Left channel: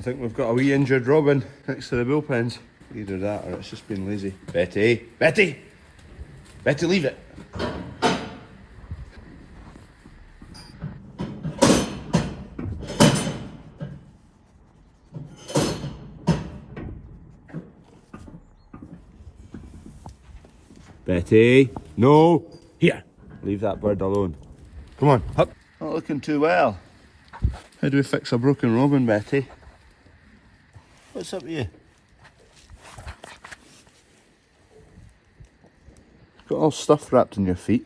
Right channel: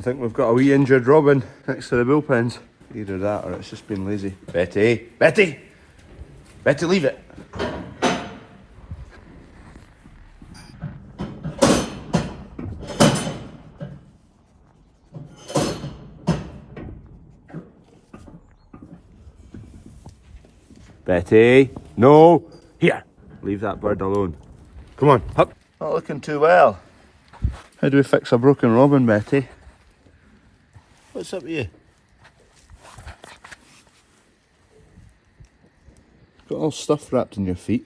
I think we've got a wee injured robin next to the bullpens. Either that or it's just been lazy. Betty! Betty! Betty, leave it! Betty! No! Here! Leave that bird alone. Come on, up! Not looking too well. How do we fix a broken robin, Betty? What's up with you? Got all stuff wrapped in your feet.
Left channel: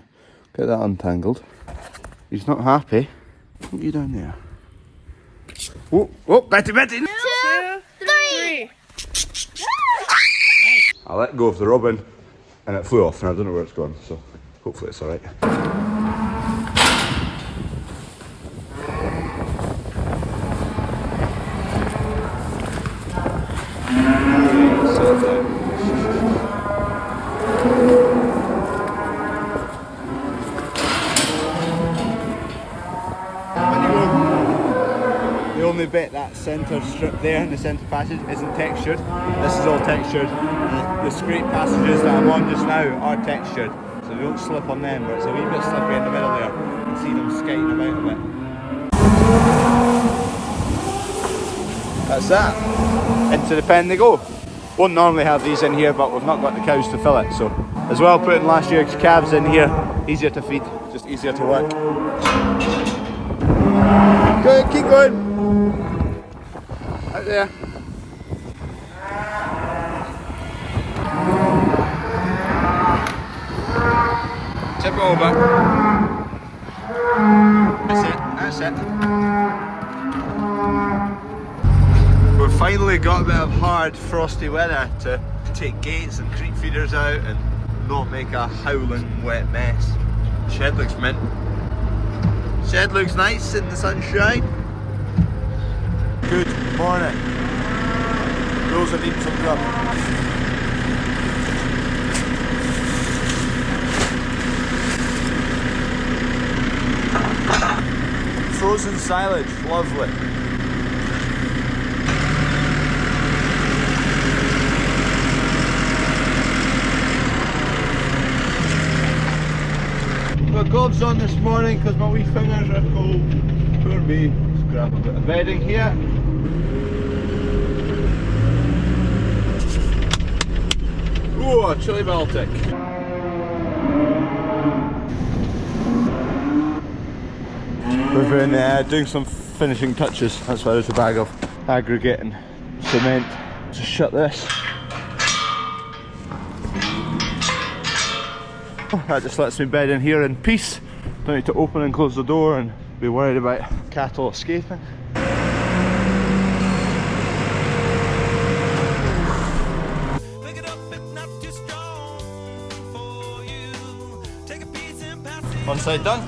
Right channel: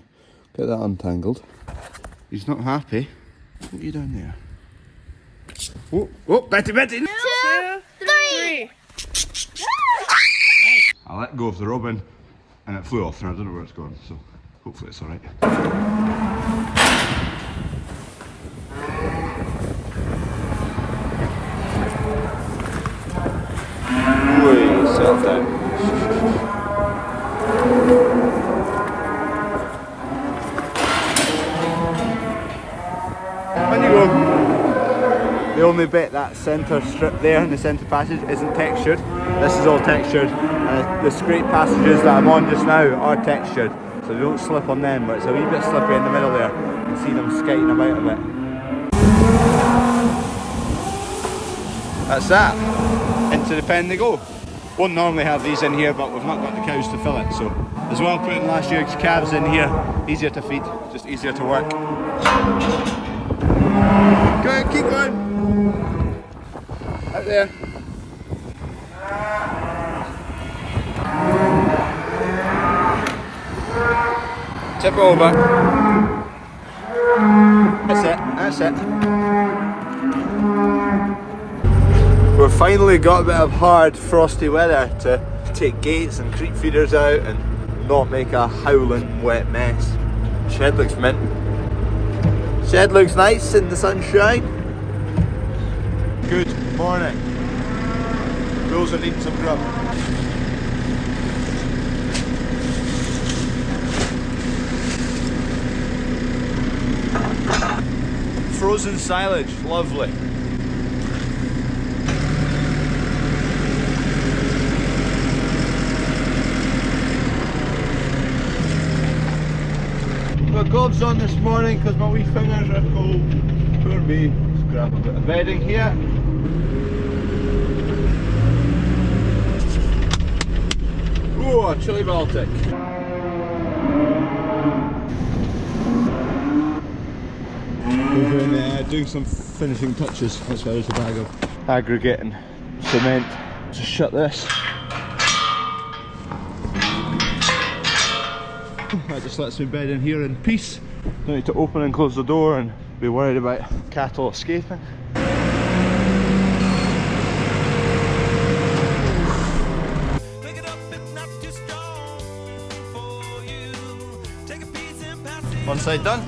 Get that untangled. He's not happy. What are you down there? Oh, oh, Betty, Betty! 2, 3. I let go of the robin and it flew off and I don't know where it's gone, so hopefully it's alright. Settle down. The only bit, that centre strip there in the centre passage, isn't textured. This is all textured. The scrape passages that I'm on just now are textured, so they don't slip on them, but it's a wee bit slippery in the middle there. You can see them skiting about a bit. That's that. Into the pen they go. Won't normally have these in here, but we've not got the cows to fill it, so as well putting last year's calves in here, easier to feed, just easier to work. Go, keep going. Out there. Tip over. That's it, that's it. We've finally got a bit of hard, frosty weather to take gates and creep feeders out and not make a howling wet mess. Shed looks mint. Shed looks nice in the sunshine. Good morning. Those are eating some grub. Frozen silage, lovely. Got gloves on this morning because my wee fingers are cold. Poor me. Let's grab a bit of bedding here. Oh, a chili Baltic. We've been doing some finishing touches. That's why there's a bag of aggregate and cement. Just shut this. That just lets me bed in here in peace. Don't need to open and close the door and be worried about cattle escaping. One side done.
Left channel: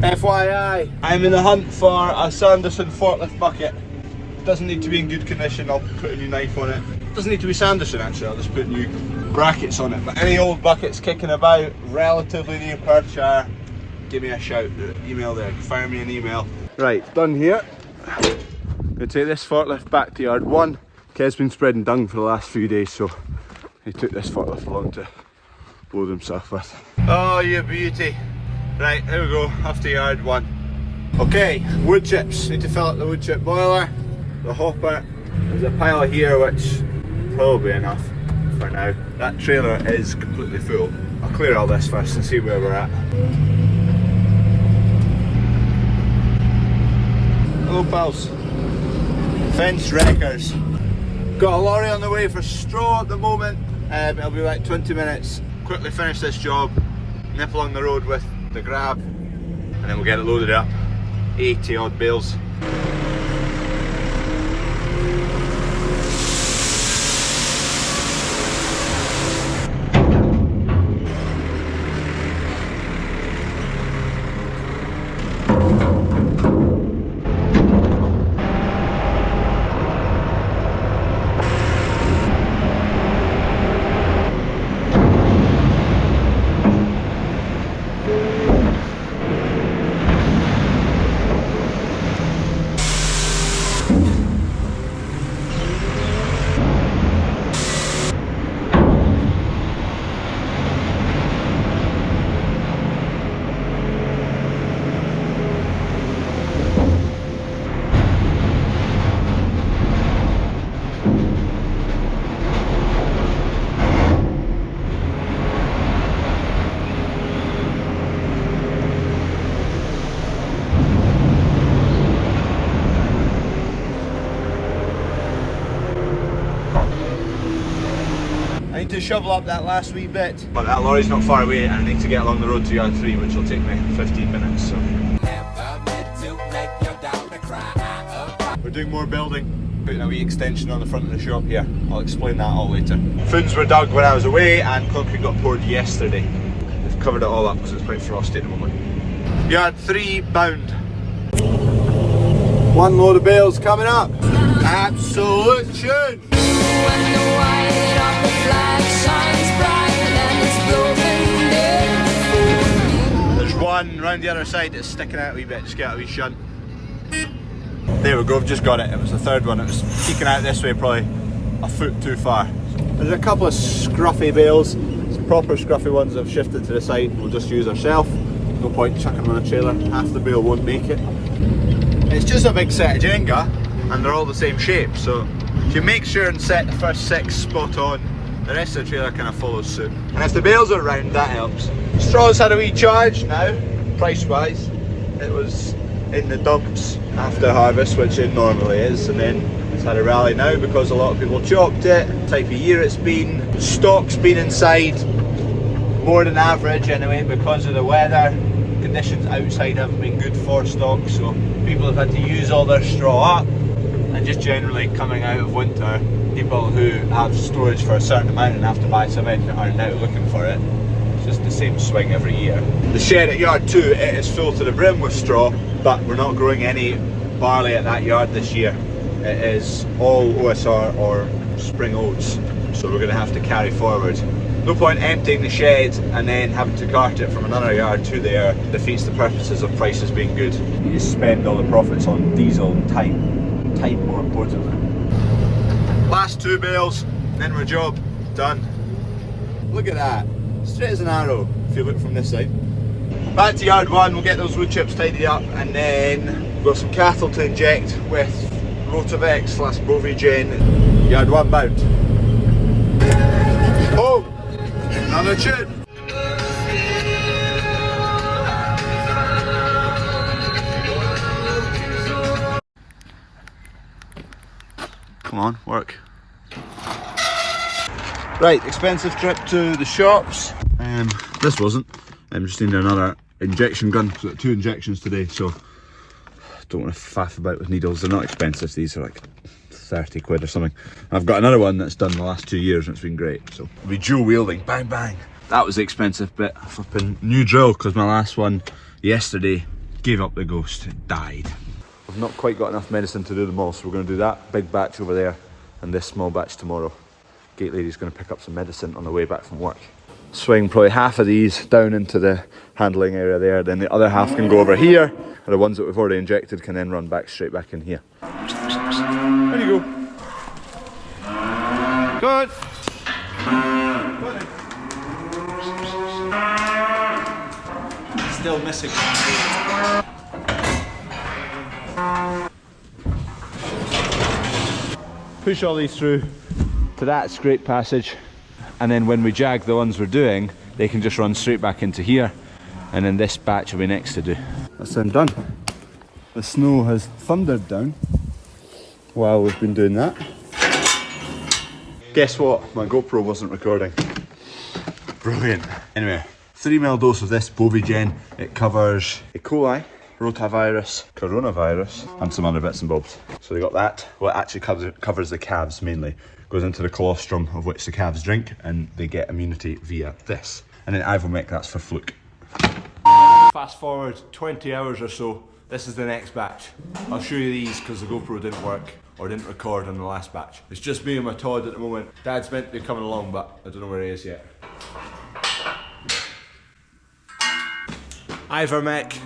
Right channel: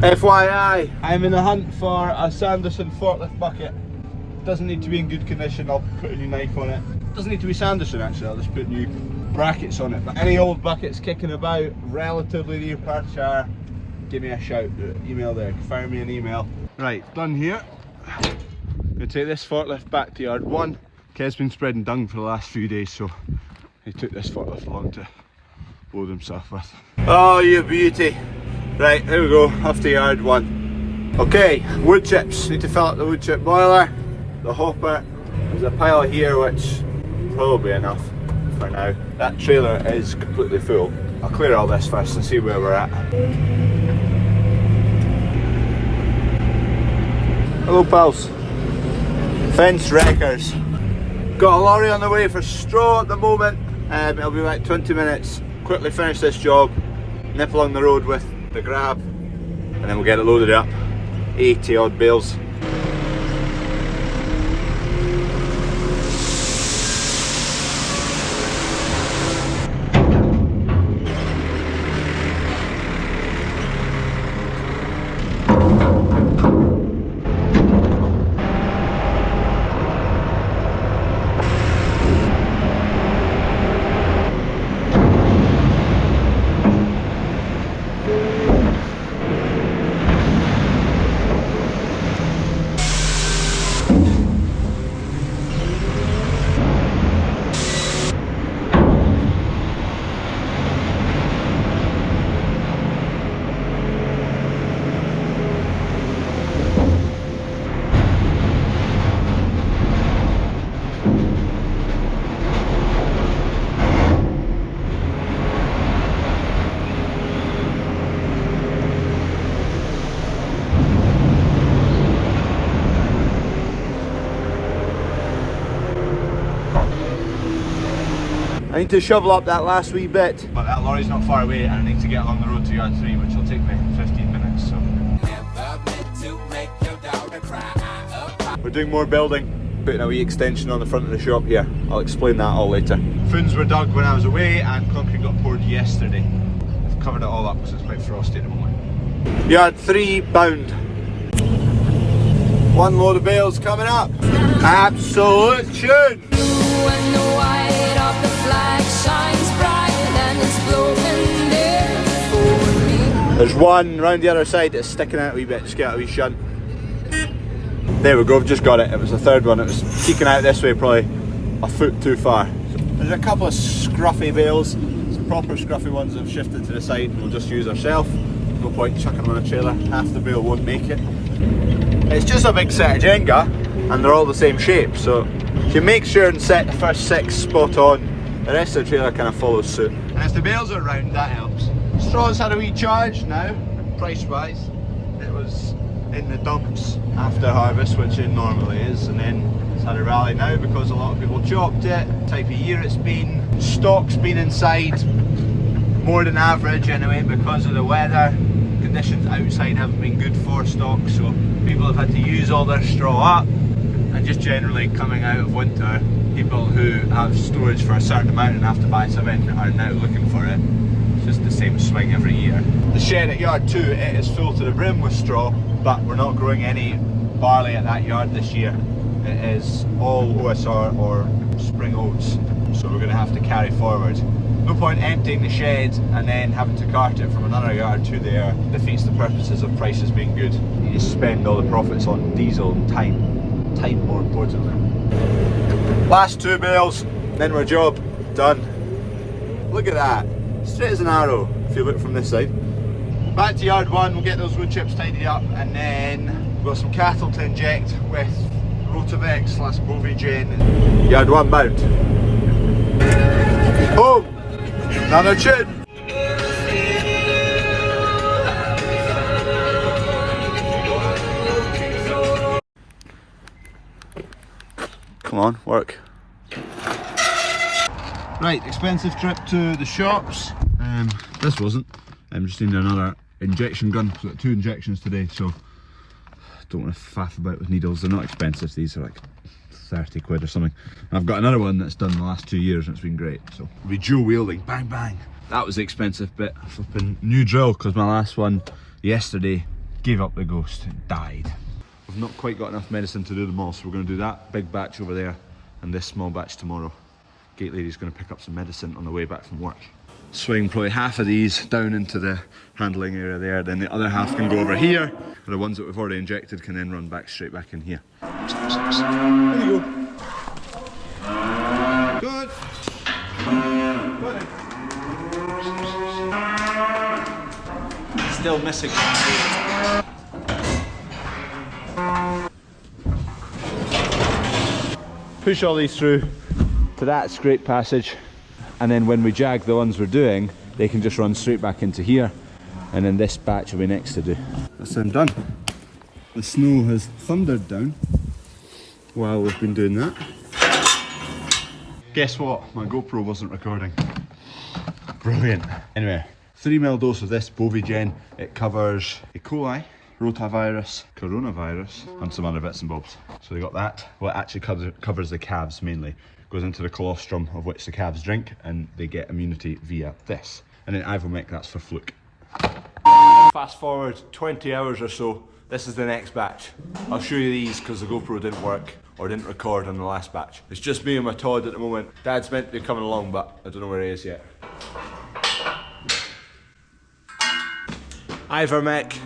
FYI, I'm in the hunt for a Sanderson forklift bucket. Doesn't need to be in good condition, I'll put a new knife on it. Doesn't need to be Sanderson actually, I'll just put new brackets on it. But any old buckets kicking about relatively near Perthshire, give me a shout. Email there, fire me an email. Right, done here. Gonna take this forklift back to yard 1. Kev's been spreading dung for the last few days, so he took this forklift along to load himself with. Oh, you beauty. Right, here we go, off to yard 1. Okay, wood chips. Need to fill up the wood chip boiler, the hopper. There's a pile here which probably enough for now. That trailer is completely full. I'll clear all this first and see where we're at. Hello pals. Fence wreckers. Got a lorry on the way for straw at the moment. It'll be like 20 minutes. Quickly finish this job, nip along the road with the grab, and then we'll get it loaded up. 80 odd bales. need to shovel up that last wee bit. But that lorry's not far away and I need to get along the road to yard 3, which will take me 15 minutes. So. We're doing more building. Putting a wee extension on the front of the shop here. I'll explain that all later. Foons were dug when I was away and concrete got poured yesterday. They've covered it all up because it's quite frosty at the moment. Yard 3 bound. One load of bales coming up. Absolute tune. When the white of the flag shines bright and it's blowing there for me. There's one round the other side that's sticking out a wee bit, just get a wee shunt. There we go, I've just got it. It was the third one. It was peeking out this way, probably a foot too far. There's a couple of scruffy bales. Some proper scruffy ones that have shifted to the side. We'll just use ourselves. No point chucking them on a trailer. Half the bale won't make it. It's just a big set of Jenga, and they're all the same shape. So if you make sure and set the first 6 spot on, the rest of the trailer kind of follows suit. And if the bales are round, that helps. Straw's had a wee charge now, price-wise. It was in the dumps after harvest, which it normally is, and then it's had a rally now because a lot of people chopped it. Type of year it's been. Stock's been inside more than average anyway because of the weather. Conditions outside haven't been good for stock, so people have had to use all their straw up. And just generally coming out of winter, people who have storage for a certain amount and have to buy some in are now looking for it. It's just the same swing every year. The shed at yard 2, it is full to the brim with straw, but we're not growing any barley at that yard this year. It is all OSR or spring oats, so we're going to have to carry forward. No point emptying the shed and then having to cart it from another yard to there. Defeats the purposes of prices being good. You just spend all the profits on diesel and time. Time more importantly. Last 2 bales, then we're job done. Look at that, straight as an arrow if you look from this side. Back to yard 1, we'll get those wood chips tidied up and then we've got some cattle to inject with Rotavex/Bovigen. Yard 1 bound. Boom! Another tune! Come on, work. Right, expensive trip to the shops. This wasn't. I'm just needing another injection gun. So 2 injections today, so don't want to faff about with needles. They're not expensive. These are like 30 quid or something. I've got another one that's done the last 2 years and it's been great. So we'll be dual wielding, bang bang. That was the expensive bit. Flipping new drill because my last one yesterday gave up the ghost. It died. We've not quite got enough medicine to do them all, so we're going to do that big batch over there and this small batch tomorrow. Gate lady's going to pick up some medicine on the way back from work. Swing probably half of these down into the handling area there, then the other half can go over here, and the ones that we've already injected can then run back straight back in here. There you go. Good. Still missing. Push all these through to that scrape passage, and then when we jag the ones we're doing, they can just run straight back into here, and then this batch will be next to do. That's them done. The snow has thundered down while we've been doing that. Guess what? My GoPro wasn't recording. Brilliant. Anyway, 3ml dose of this Bovigen. It covers E. coli, rotavirus, coronavirus, and some other bits and bobs. So they got that. Well, it actually covers the calves mainly. Goes into the colostrum of which the calves drink, and they get immunity via this. And then Ivomec, that's for fluke. Fast forward 20 hours or so, this is the next batch. I'll show you these because the GoPro didn't work or didn't record on the last batch. It's just me and my Todd at the moment. Dad's meant to be coming along, but I don't know where he is yet. Ivomec.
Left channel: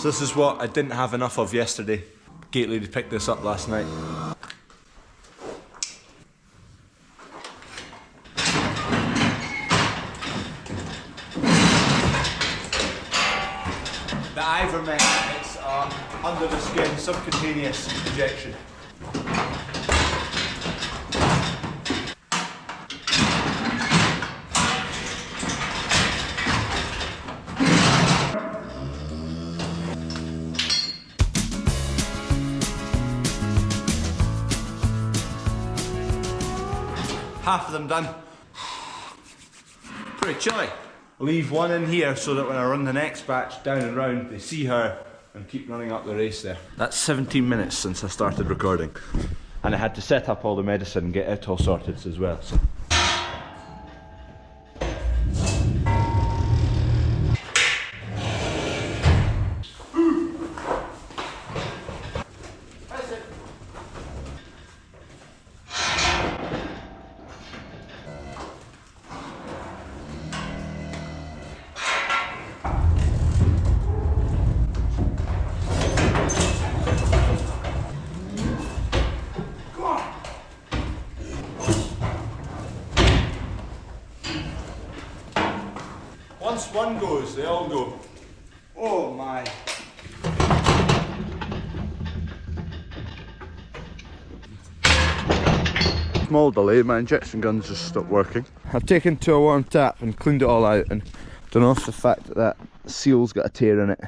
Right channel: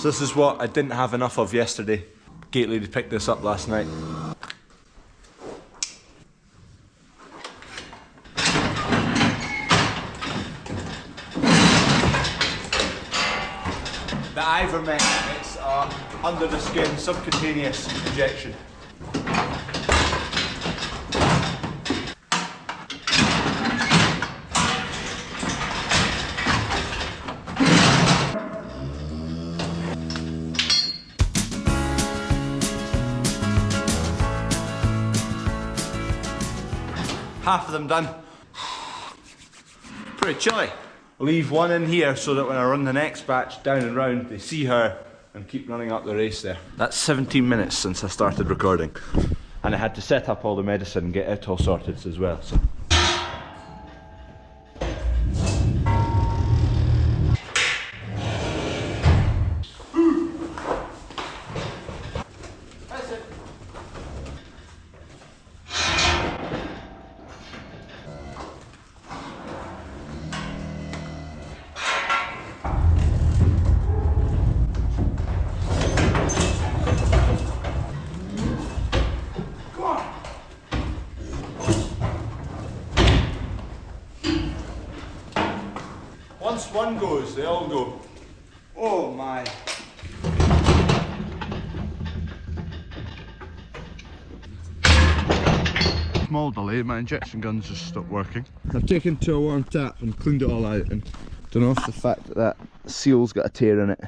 So this is what I didn't have enough of yesterday. Gate lady picked this up last night. The Ivomec, it's under the skin subcutaneous injection. Half of them done. pretty chilly. Leave one in here so that when I run the next batch down and round, they see her and keep running up the race there. That's 17 minutes since I started recording. And I had to set up all the medicine and get it all sorted as well. So. Once one goes, they all go. Oh my. Small delay, my injection guns just stopped working. I've taken to a warm tap and cleaned it all out, and don't know if the fact that that seal's got a tear in it,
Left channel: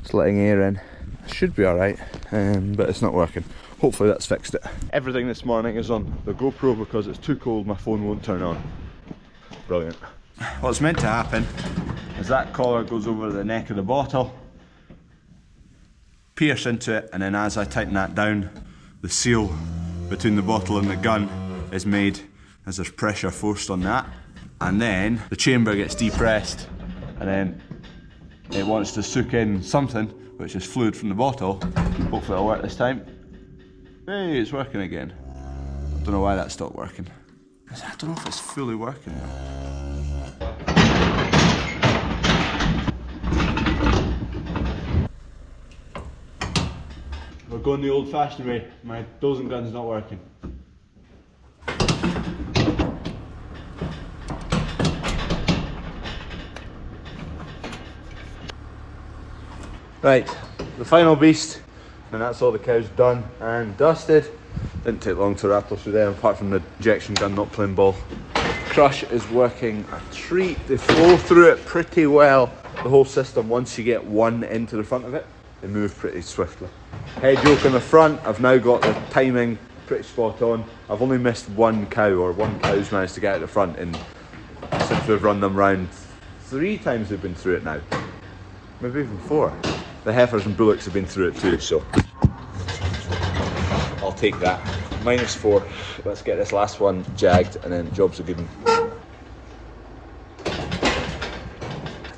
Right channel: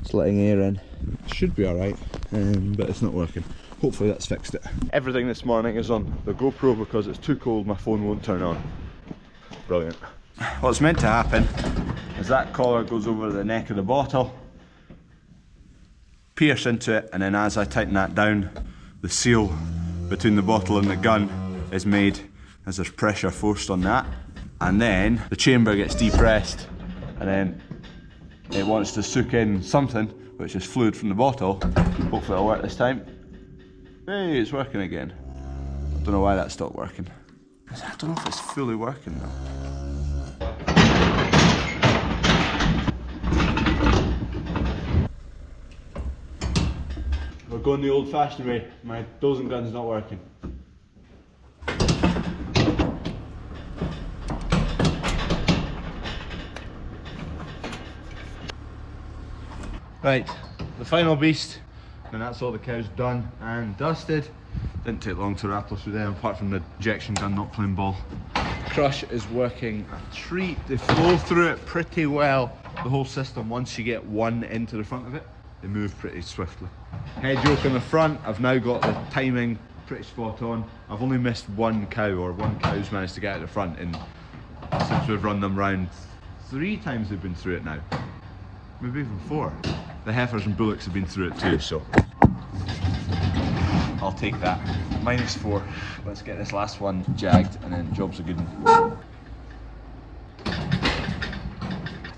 it's letting air in. It should be alright, but it's not working. Hopefully that's fixed it. Everything this morning is on the GoPro because it's too cold, my phone won't turn on. Brilliant. What's meant to happen is that collar goes over the neck of the bottle, pierce into it, and then as I tighten that down, the seal between the bottle and the gun is made as there's pressure forced on that, and then the chamber gets depressed, and then it wants to soak in something, which is fluid from the bottle. Hopefully it'll work this time. Hey, it's working again. I don't know why that stopped working. I don't know if it's fully working though. We're going the old-fashioned way. My dosing gun's not working. Right, the final beast, and that's all the cows done and dusted. Didn't take long to rattle through there, apart from the injection gun not playing ball. Crush is working a treat. They flow through it pretty well, the whole system. Once you get one into the front of it, they move pretty swiftly. Head yoke on the front, I've now got the timing pretty spot on. I've only missed one cow, or one cow's managed to get out the front since we've run them round. 3 times they've been through it now. Maybe even 4. The heifers and bullocks have been through it too, so I'll take that. -4. Let's get this last one jagged and then jobs are good. I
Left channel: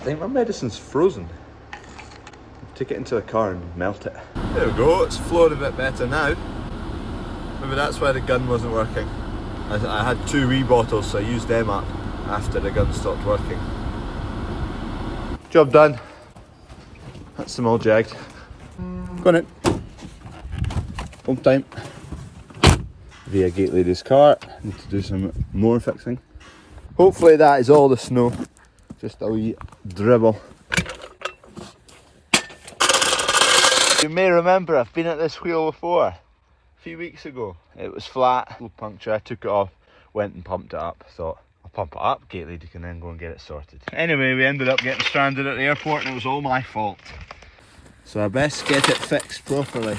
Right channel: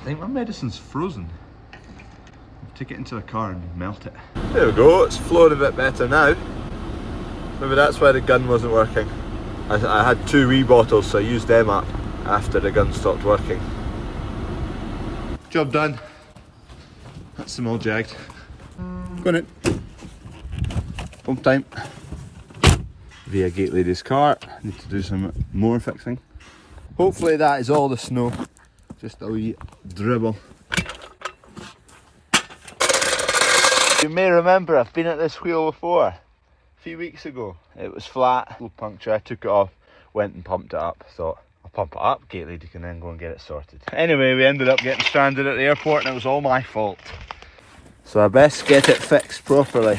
think my medicine's frozen. Take it into the car and melt it. There we go, it's flowed a bit better now. Maybe that's why the gun wasn't working. I had 2 wee bottles, so I used them up after the gun stopped working. Job done. That's them all jagged. Go on in. Home time. Via Gate Lady's car. Need to do some more fixing. Hopefully that is all the snow. Just a wee dribble. You may remember I've been at this wheel before, a few weeks ago. It was flat, little puncture, I took it off, went and pumped it up. Thought, I'll pump it up, Gate Lady can then go and get it sorted. Anyway, we ended up getting stranded at the airport and it was all my fault. So I best get it fixed properly.